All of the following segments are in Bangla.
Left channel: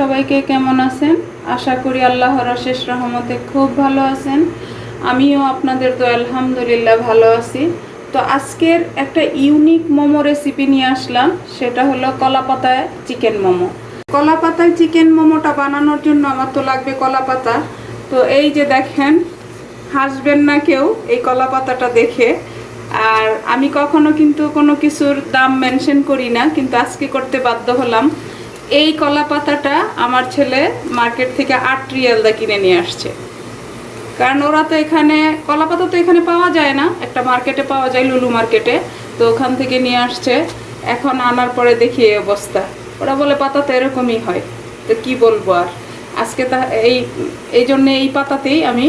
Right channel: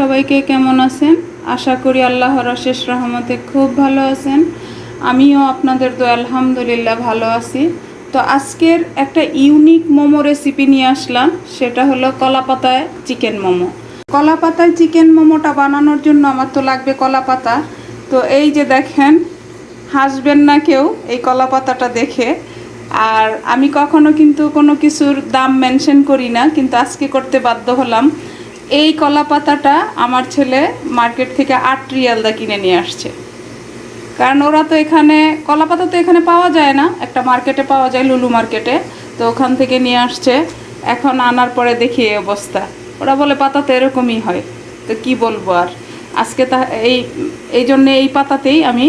সবাইকে কেমন আছেন? আশা করি আল্লাহর অশেষ রহমতে খুব ভালো আছেন। আমিও আপনাদের তো আলহামদুলিল্লাহ ভালো আছি। তো আজকের একটা ইউনিক মোমো রেসিপি নিয়ে আসলাম, সেটা হলো কলা পাতায় চিকেন মোমো। কলা পাতায় চিকেন মোমোটা বানানোর জন্য আমার তো লাগবে কলা পাতা তো এই যে দেখেন, হাসবেন না কেউ এই কলা পাতাটা দেখে। আর আমি কখনো কিন্তু কোনো কিছুর দাম মেনশন করি না, কিন্তু আজকে করতে বাধ্য হলাম এই কলা পাতাটা আমার ছেলে মার্কেট থেকে আট রিয়ালদা কিনে নিয়ে আসছে। কারণ ওরা তো এখানে কলা পাতা তো এখানে পাওয়া যায় না, একটা মার্কেটে পাওয়া যায় লুলু মার্কেটে, তো ওখান থেকে নিয়ে আসছে। এখন আনার পরে দেখি এই অবস্থা। ওরা বলে, পাতা তো এরকমই হয়। তো কি বলব আর? আজকে তা, এই এই জন্যে এই পাতাতেই আমি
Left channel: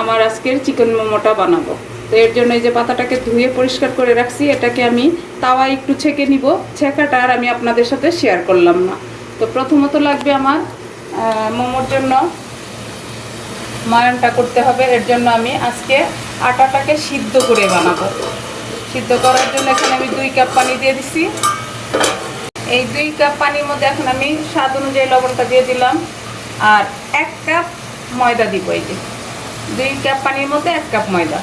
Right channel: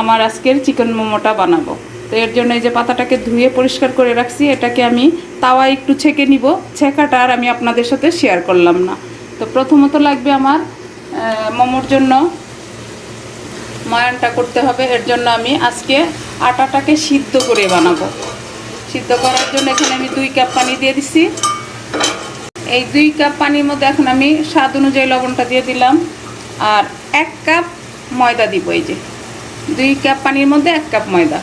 আমার আজকের চিকেন মোমোটা বানাবো। তো এর জন্য এই যে পাতাটাকে ধুয়ে পরিষ্কার করে রাখছি, এটাকে আমি তাওয়া একটু ছেঁকে নিব। ছেঁকাটা আর আমি আপনাদের সাথে শেয়ার করলাম না। তো প্রথমত লাগবে আমার মোমোর জন্য ময়ানটা করতে হবে। এর জন্য আমি আজকে আটাটাকে সিদ্ধ করে বানাবো। সিদ্ধ করার জন্য এখানে আমি দুই কাপ পানি দিয়ে দিছি। এই দুই কাপ পানির মধ্যে এখন আমি স্বাদ অনুযায়ী লবণটা দিয়ে দিলাম। আর এক কাপ ময়দা দিব এই যে। দুই কাপ পানির মধ্যে এক কাপ ময়দা।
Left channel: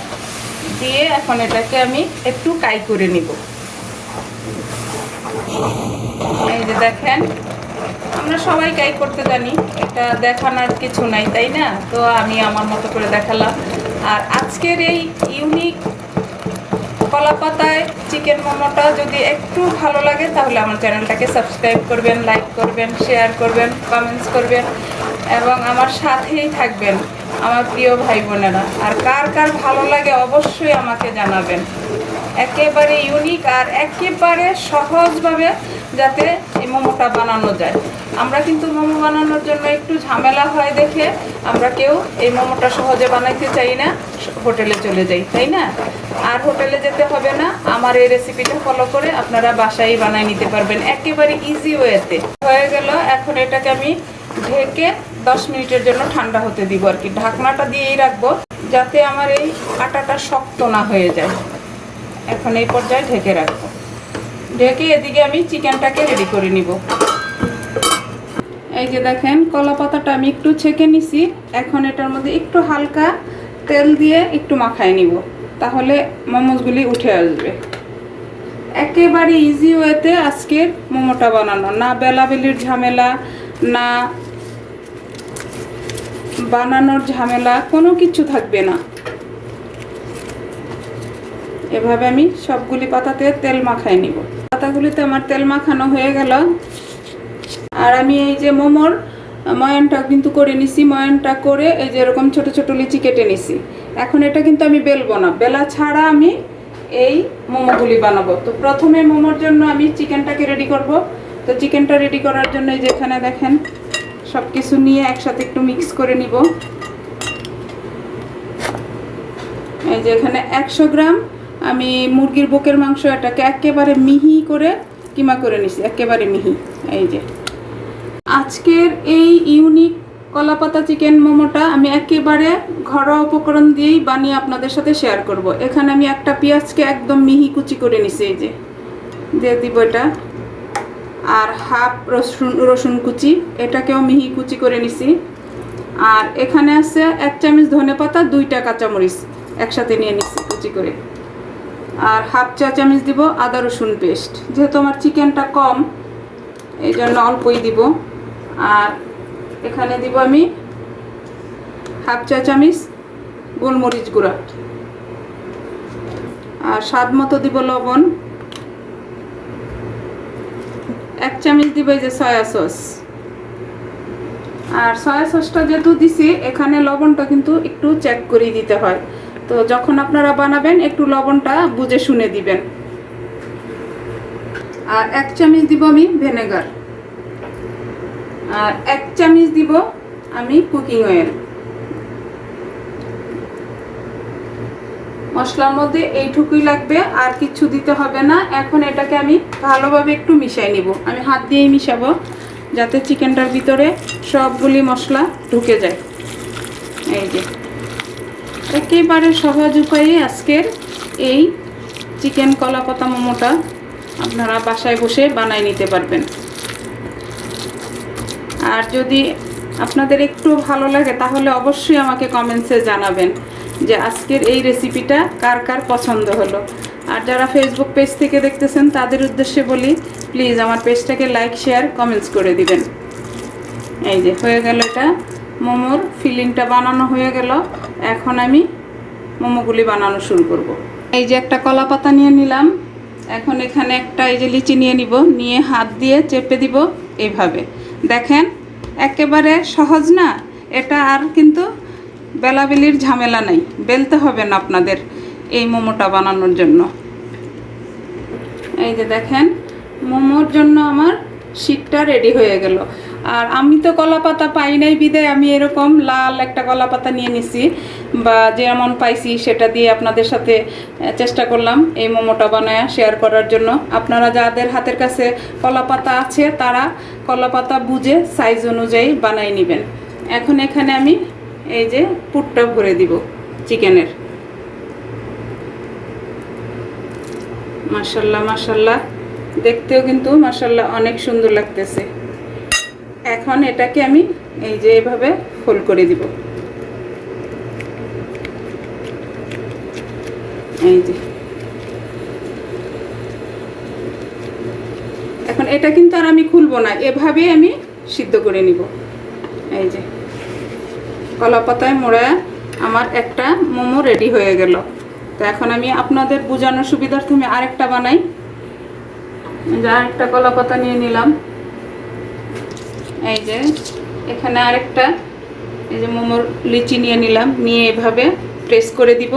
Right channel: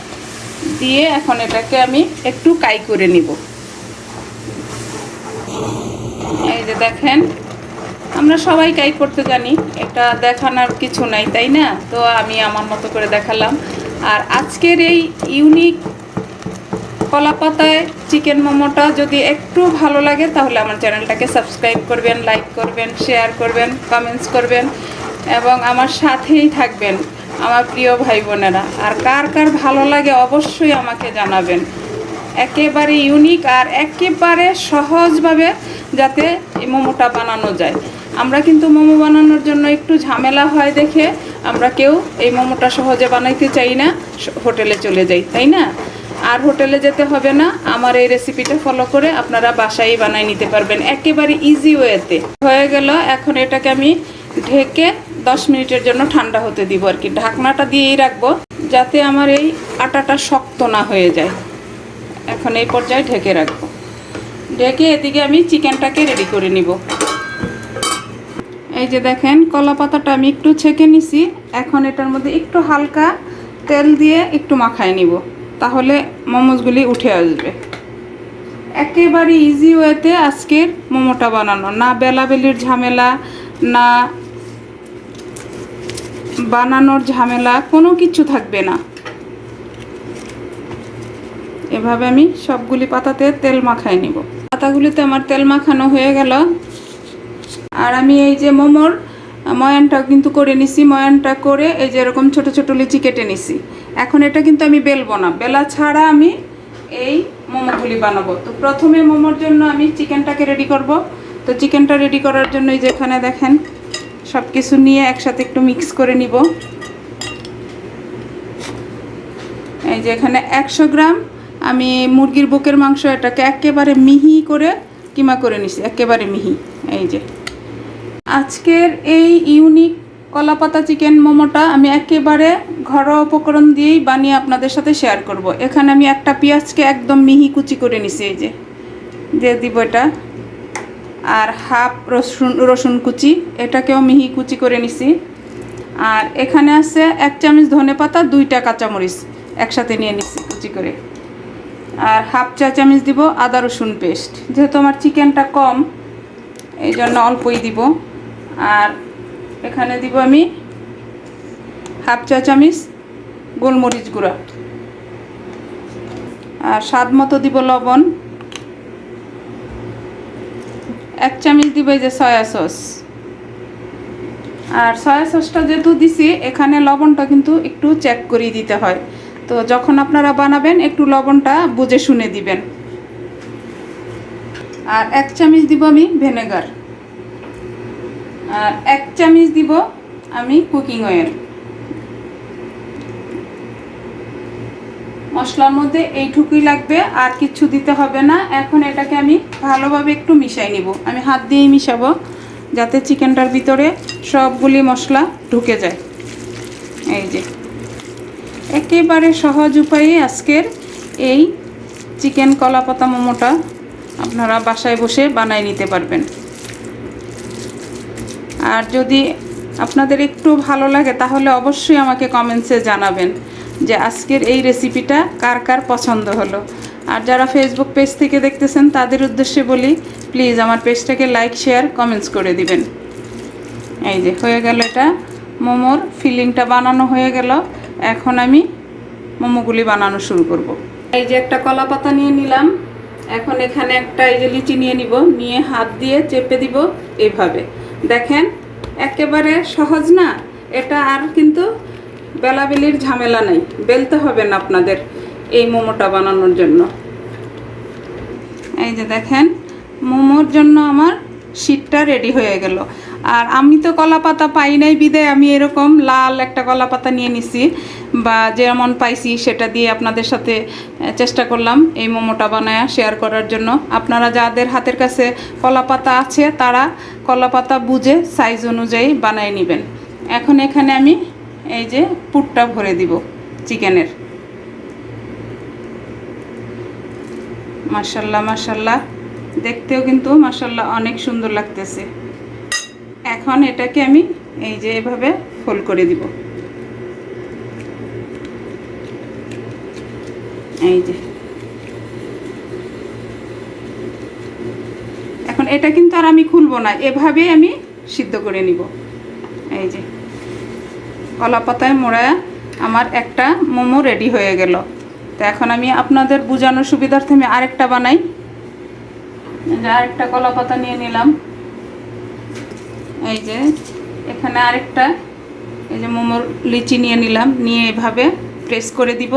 দিয়ে এখন এটাকে আমি একটু কাই করে নিব। এই যে দেখেন আমরা সবাই কাই করতে জানি। এটা দেখানোর কিছু নাই, তাই না? তো আমি আমার মতো করে দেখালাম। আর আজকের এই ইউনিক কলা পাতায় চিকেন মোমোটা যদি একটু ভালো লাগে, তাহলে আমার চ্যানেলটাকে সাবস্ক্রাইব করবেন লাইক করবেন শেয়ার করবেন কমেন্টস করবেন, এবং আমার সাথেই থাকবেন, আমার প্রিয় ভাই বোনেরা। আর কার কার ভালো লাগে অবশ্যই আমাকে জানাবেন। একেবারে ইউনিক আর একেবারে সহজভাবে যাতে এই মোমোটা বানানো যায়। আমরা কিন্তু মোমো বানানোর জন্য একটু ঝামেলা হয় দেখে আমরা কেউ এই মোমোটা সহজে বানাইতে চাই না, হোটেলে চলে যাই, তাই না? আর হোটেলে যেতে হবে না, আমার এই রেসিপিটা ফলো করে আপনারা বাসায় বানাই নিতে পারবেন একেবারে ইজি ওয়েতে হয়ে গেল, এখন এটাকে আমি ঢেকে দশ মিনিটের জন্য ঠান্ডা হতে দিব আর কি। ঢাকনাটা দিয়েই রাখব, যাতে আমার এই আটাটা শক্ত না হয়ে যায়। এখন এই পর্যায়ে ঢেকে রাখব। ঢেকে এদিকে আমি চিকেনটাকে রেডি করে নিব। এই যে দেখেন, কলা পাতাটা আমি একটু ছেঁকে নিছি। এখন এটার মধ্যে একটু হালকা তেল দিয়ে একটু মাখায় নিব, তাহলে মোমোজগুলি উঠে আসবে। একেবারে ইজি ওয়েতে আজকের মোমোটা বানানো। না বেলাবেলির ঝামেলা, না বানানোর ঝামেলা, কোনো কিছু থাকবে না। এভাবে আমি সবগুলি পাতাতে তেল মাখায় নিব। পাতাগুলিতে আমার তেল মাখানো হয়ে গেল। আর আমি এই যে মোমোর ময়ানটা কিন্তু করে নিছি, ময়ানটা করে এই যে এরকম ছোট ছোট লিচি কেটে নিছি। এখন এটা কিন্তু আমি বেলবো না। বেলা ছাড়া আমি এই মোমোগুলি বানাবো। তো প্রথমে মোমোর জন্য আমি চিকেনটাকে রেডি করব। তো চিকেনটা রেডি করার জন্য এই যে এখানে দেখেন সব কিছু নিয়ে একসাথে একটু মিক্স করে নিব। এই যে এখানে একশো গ্রাম আমি মুরগির বুকের মাংস এটাকে একেবারে মিহি করে কিমা করে নিছি, একেবারে মিহি, এই যে। আজকের এই ইউনিক কলাপাতা চিকেন মোমোটা আমি একেবারে ঘরোয়া উপকরণ দিয়েই বানিয়ে আপনাদের সাথে শেয়ার করব। এখানে আমি একটা পেঁয়াজকে একদম মিহি কুচি করে নিছি, এই যে। দিয়ে দিব এটা। আর হাফ রসুন রসুন কুচি, এটাকেও মিহি কুচি করে নিছি। আর এখানে আছে এক চামচ ধনে পাতা দুইটা কাঁচামরিচ একসাথে নিয়ে নিছি কুচি করে। আর হাফ চা চামচ দিব, আদা রসুন পেস্ট যেহেতু আমার চিকেনটা কম এই জন্য অল্পই দিব। আর এখানে দিব আমি হাফ চা চামচ গোলমরিচ গুঁড়া। আর স্বাদ মতো দিব লবণ। এক চামচ দিব এই যে সয়া সস আর সয়া সসটা যেহেতু দিছি, এখানে লবণটা কিন্তু একটু চেক করেই দিতে হয়। তো যখন আপনারা বানাবেন, একটু লবণটা বুঝে শুনে দিবেন। আর এক চামচ দিব আমি ভিনেগার। আর এক চামচ দিব আমি কুকিং অয়েল। মশলার মধ্যে এইটুকুই লাগবে, আর কিছু দিতে হবে না। এখন এটাকে আমি ভালোভাবে একটু মিশাই নিব। আমি হাত দিয়েই মিশাবো, যাতে চিকেনটার ভিতরে সবগুলি মশলা ঢুকে যায়। এই যে। একেবারে সহজ উপায়ে আজকের এই চিকেন কলা পাতা মোমোটা আপনারা বাসায় বসে বানাই নিতে পারবেন। আর যদি আপনাদের একটু ভালো লাগে, তাহলে অবশ্যই আমাকে কমেন্টসে জানাবেন যে আজকের এই রেসিপিটা কার কার পছন্দ হলো। আর যারা ফেসবুক পেজ থেকে দেখতেছেন, তাদের উদ্দেশ্যে বলি প্লিজ আমার পেজটাকে লাইক শেয়ার কমেন্টস করে দিবেন। এই যে হয়ে গেল এটা। মোমোর ফিলিংটা বানানো হয়ে গেল। এখন আমি মোমোগুলি বানানো শুরু করব। এই যে একটা কলা পাতা নিয়ে নিলাম। এখন এখানে একটা এই যে লিচি নিয়ে নিব। নিয়ে হাত দিয়ে চেপে দিব এভাবে। দেখেন, একেবারে সহজ না? এটা আর কিন্তু বেলাবেলির ঝামেলা নেই। বেলতে হবে না আপনাদের এই মোমোটা বানানোর জন্য। এই যে দেখেন, মোমোর জন্য আমার শীতটা রেডি হয়ে গেল। আর আমি তো কলা পাতা পাই নাই, বিদায়। আমি এরকম লাল একটা কলা পাতা নিয়ে নিছি বা যেমন পাইছি সেটা দিয়ে আপনাদের সাথে চেষ্টা করলাম এই মোমোটা বানায় শেয়ার করার জন্য। আপনারা যাদের হাতের কাছে কলা পাতা আছে, তারা কলা পাতা বুঝে সাইজ অনুযায়ী বানিয়ে নেবেন। এখন এখানে আমি এই যে পুরটা ভরে দিব চিকেনের। মাশাল্লাহ মাশাল্লাহ। দেখতেও কিন্তু মাশাল্লাহ অনেক সুন্দর লাগতেছে। এখন এটাকে আমি এই যে এভাবে ফোল্ড করে দিব। এই যে। এখন এটা কিন্তু আর আমি খুলবো না, এভাবেই আমি সিদ্ধ করে নিব। এই যে। কলা পাতায় মোড়া আমার একটা মোমো রেডি হয়ে গেল। তো এখন আমি আপনাদের বোঝানোর সুবিধার্থে আমি আরেকটা বানাই। যে আরেকটা কলা পাতা নিয়ে নিলাম। এই যে, এখানে আরেকটা, এই যে মোমোর লিচি নিয়ে নিলাম, নিয়ে এভাবে প্রেস করে দিব।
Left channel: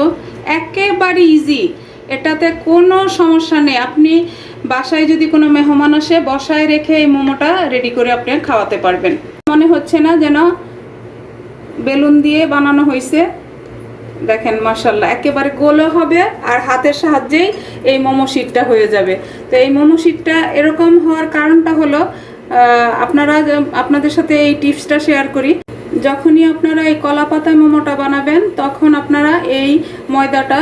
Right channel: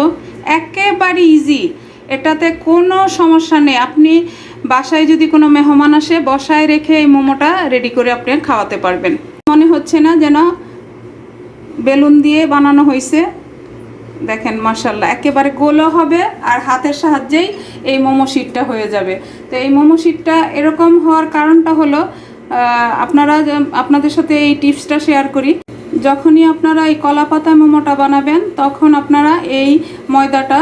একেবারে ইজি এটাতে কোনো সমস্যা নেই। আপনি বাসায় যদি কোনো মেহমান আসে, বসায় রেখে এই মোমোটা রেডি করে আপনি খাওয়াতে পারবেন। মনে হচ্ছে না যেন বেলুন দিয়ে বানানো হয়েছে দেখেন মার্শাল্লাহ একেবারে গোলও হবে আর হাতের সাহায্যেই এই মোমো শিটটা হয়ে যাবে। তো এই মোমো শিটটা এরকম হওয়ার কারণটা হলো আপনারা আপনাদের সাথে এই টিপসটা শেয়ার করি। যখনই আপনারা এই কলা পাতা মোমোটা বানাবেন, তখন আপনারা এই ময়দাটা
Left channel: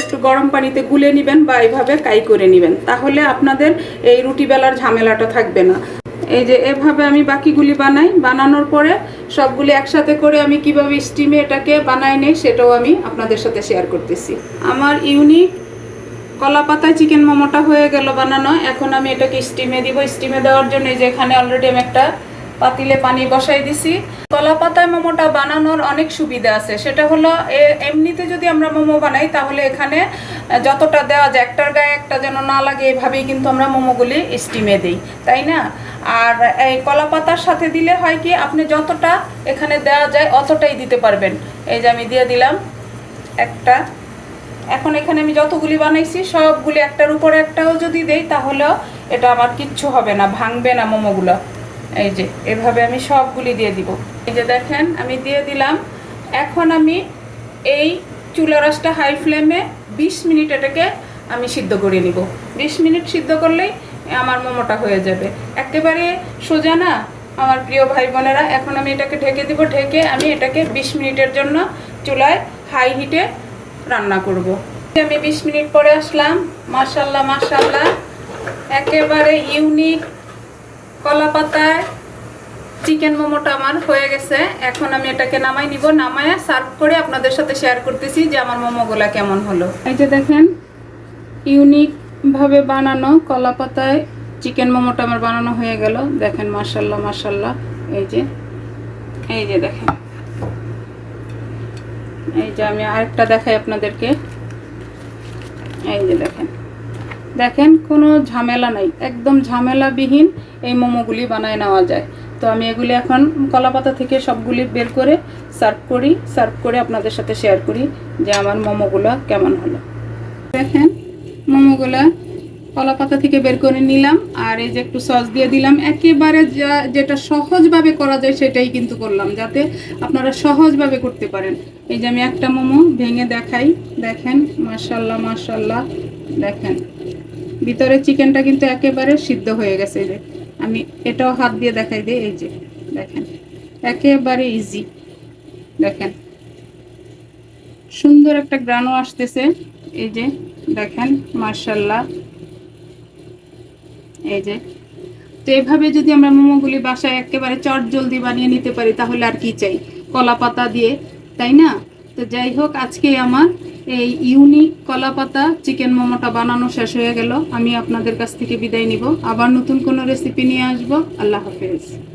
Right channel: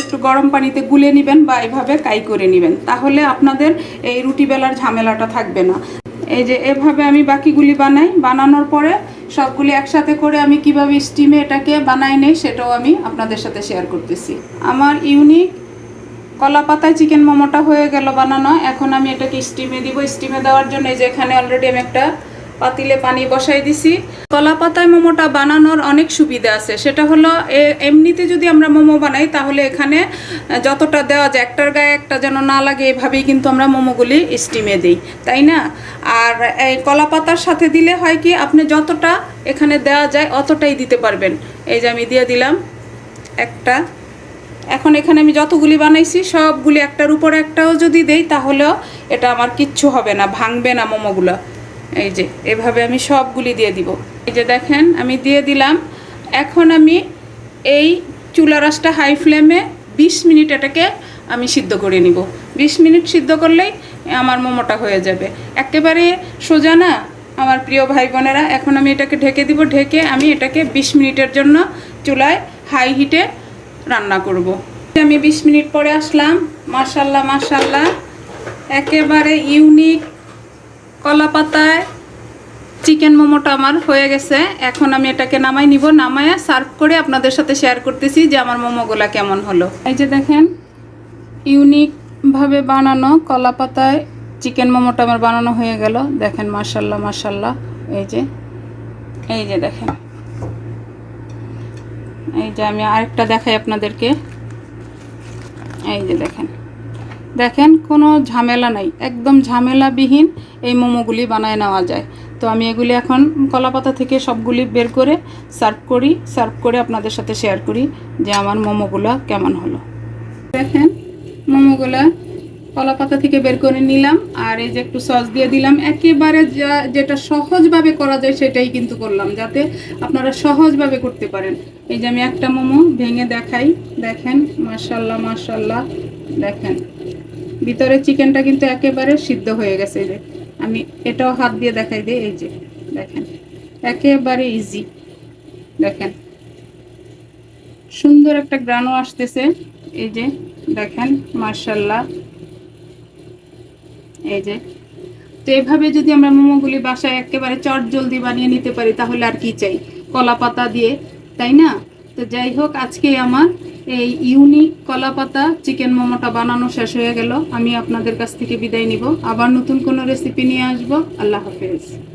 একটু গরম পানিতে গুলে নেবেন বা এইভাবে কাই করে নেবেন। তাহলে আপনাদের এই রুটি বেলার ঝামেলাটা থাকবে না। এই যে এভাবে আমি বাকিগুলি বানাই, বানানোর পরে সবগুলি একসাথে করে আমি কীভাবে স্টিমে এটাকে বানাই নেই, সেটাও আমি আপনাদের সাথে শেয়ার করতেছি। আমার ইউনিক কলা পাতায় চিকেন মোমোটা হয়ে গেল বানানো। এখন আমি এটাকে স্টিমে দিব। স্টিমে দেওয়ার জন্য যে এখানে অলরেডি আমি একটা পাতিলে পানি বসাই দিছি। কলা পাতায় মোমোটা বানানোর অনেক সুবিধা আছে। সেটা হলো এমনিতে যদি আমরা মোমো বানাই, তাহলে এখানে যতটা দেওয়া যায়, একটার গায়ে একটা যেন না লাগে, এভাবেই কিন্তু আমরা মোমোগুলি স্টিমে দিই। তাই না? আর এই কলা পাতার সাথে দিলে হয় কি, আপনি যতটা এখানে দেওয়া যায়, অতটাই দিতে পারবেন। এই যে আমি দিয়ে দিলাম একটা। এখন এখানে আমি যতগুলি বানাইছি, সবগুলি একটার উপরে একটাও যদি দেই, তাহলেও এটা আমার কিচ্ছু হবে না, ভাঙবে না মোমোগুলো। এই যে, এভাবে আমি সবগুলি দিয়ে দিব। এই যে দেখেন, আমি দিয়ে দিলাম। এখন আমি এই চুলা রাসটা হাই ফ্লেমে বিশ মিনিট এটাকে আমি সিদ্ধ করে নিব। বিশ মিনিট সিদ্ধ করলেই আমার মোমোটা হয়ে যাবে। একেবারে সোজা না, আমার প্রিয় ভাই বোনেরা এখন আমি এটাকে ঢেকে দিব। ঢেকে আমি এটাকে বিশ মিনিটের জন্য চুলায় হাই হিটে রান্না করব। আমি বিশ মিনিট পরে আসলাম। মাশাল্লাহ মাশাল্লাহ। একেবারে ইউনিক কলা পাতায় চিকেন মোমোটা আমার হয়ে গেছে। এখন আমি এটাকে নামাই নিব। নামায় সার্ভ করে আপনাদের সাথে শেয়ার করতেছি যে আমার মোমোগুলা কেমন হলো। এই যে দেখেন, ইউনিক ভাবে বানানো কলা পাতায় চিকেন মোমোটা আমার বানানো হয়ে গেল। দেখেন, মাশাল্লাহ মাশাল্লাহ। এই যে এই যে দেখেন। এই যে আমি আরেকটা দেখাই আপনাদেরকে। এই যে দেখেন। দেখেন, কোনো ঝামেলা নাই। একদম ঝামেলাবিহীন এই মোমোগুলি বানায় নেওয়া যায়। তো আমি এগুলি এখন কলাপাতা থেকে সবগুলি বের করে সার্ভ করি, সার্ভ করে আপনাদের সাথে শেয়ার করি যে আমার মোমোগুলো কেমন হলো। দেখেন, মোমোগুলা কলা পাতা থেকে বের করে নিলাম, আর এই যে একটু সস দিয়ে দিলাম। একেবারে যা, যেটা সহজভাবে করা যায় সেটাই কিন্তু করলাম, যাতে আপনারা সহজভাবে করতে পারেন। এই যে আমি একটা মোমো ভেঙে দেখাই, দেখেন মার্শাল্লাহ মাশাল্লাহ, দেখেন। ভিতরে চিকেনটা কিন্তু একেবারে সিদ্ধ হয়ে গেছে, এই যে। আমি এটাও হাত দিয়ে দেখাই দিই, এই যে, দেখেন। একেবারে ইজি দেখেন। সুন্দর একটা গ্রানও আসতেছে, এই যে, দেখেন মার্শাল্লাহ এই যে। তো এভাবে যদি আমরা মোমোগুলি বাসায় একেবারে চট জলদি বানিয়ে নিতে পারি, তাহলে আর কি চাই? কলা পাতা দিয়ে, তাই না? তো যাই হোক, আজকে আমার এই ইউনিক কলা পাতা চিকেন মোমোটা বানানো শেষ হয়ে গেল। আমি আপনাদের কাছ থেকে বিদায় নিব। আবার নতুন কোনো রেসিপি নিয়ে আসব। আল্লাহ হাফেজ।